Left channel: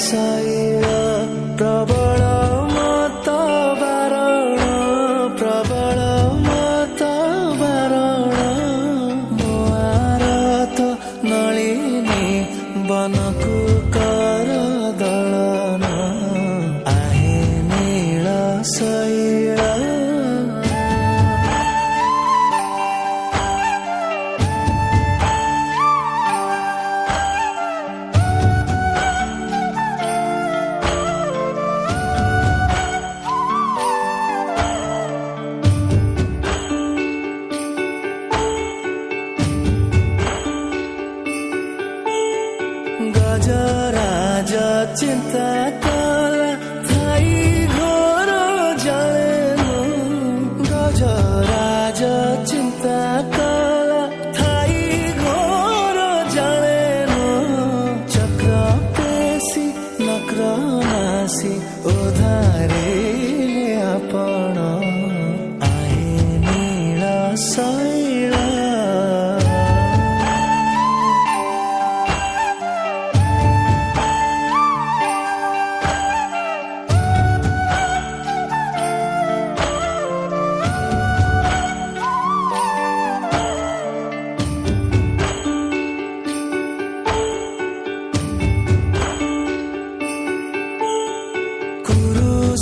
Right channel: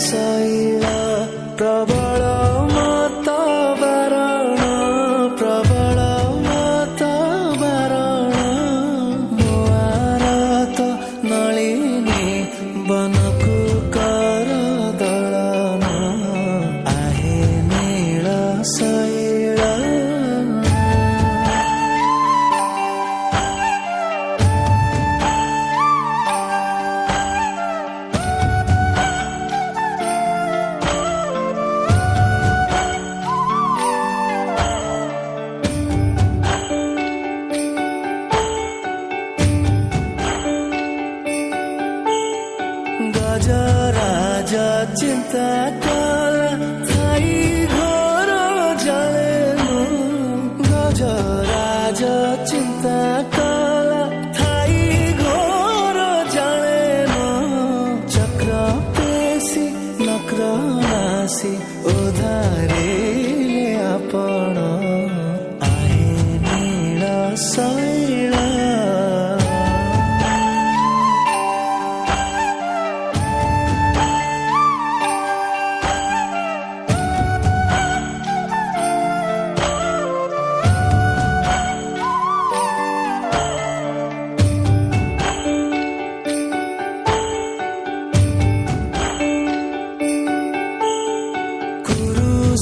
ଶୈଳ ପ୍ରବଳ ମତ ବାରଣ ପ୍ରବଳ ମତ ବାରଣ ମୋ ଆରତ ନଳିନୀ ବନକୁ କର ଦଳନ ଆହେ ନୀଳ ଶୈଳ। ଗଜରାଜ ଚିନ୍ତା କଲା ଥାଇ ଘୋର ଜଳେନୁ ଗଜରାଜ ଚିନ୍ତା କଲା ଥାଇ ଘୋର ଜଳେନୁ ଚକ୍ର ପେଶି ନକ୍ର ନାସି ଉଦ୍ଧାରିଲେ ଆପଣ ଆହେ ନୀଳ ଶୈଳ।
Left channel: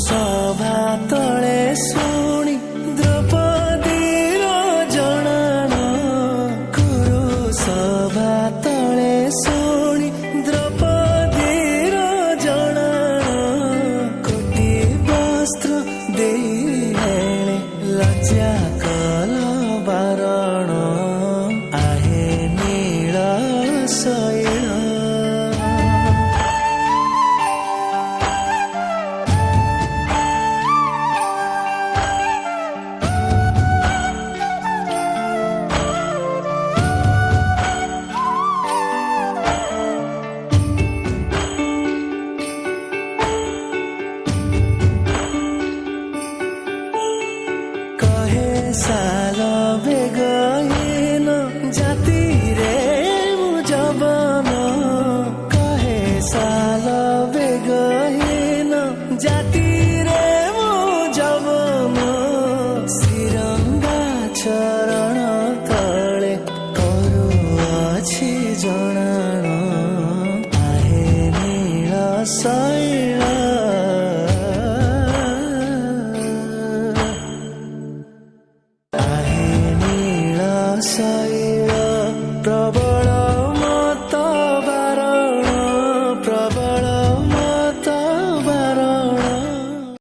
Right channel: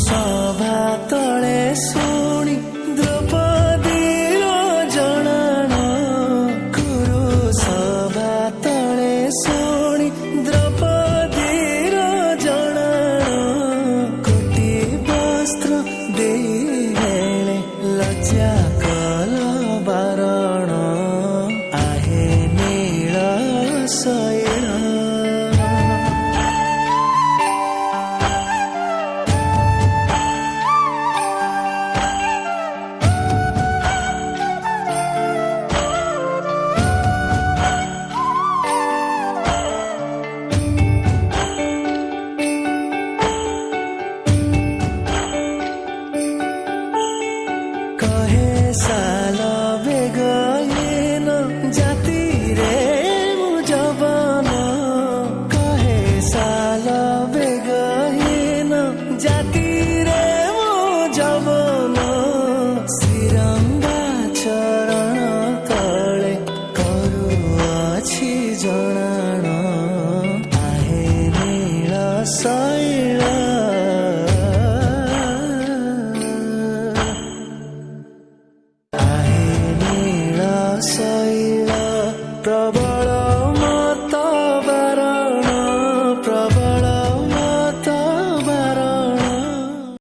ସଭା ତଳେ ଶୁଣି ଦ୍ରୌପଦୀର ଜଣାଣ କୁରୁ ସଭା ତଳେ ଶୁଣି ଦ୍ରୌପଦୀର ଜଣାଣ କୋଟି ବସ୍ତ୍ର ଦେଇ ହେଳେ ଲଜ୍ଜା କଲ ବାରଣ ଆହେ ନୀଳ ଶୈଳ। କହେ ସାଲ ବେଗହୀନ ଜାତିରେ ମୁଁ ଯବନ କହେ ସାଲ ବେଗହୀନ ଜାତିରେ ମୁଁ ଯବନ ଶ୍ରୀରଙ୍ଗା ଚରଣ ତଳେ କରୁଅଛି ଜଣାଣ ଆହେ ନୀଳ ଶୈଳ। ଶୈଳ ପ୍ରବଳ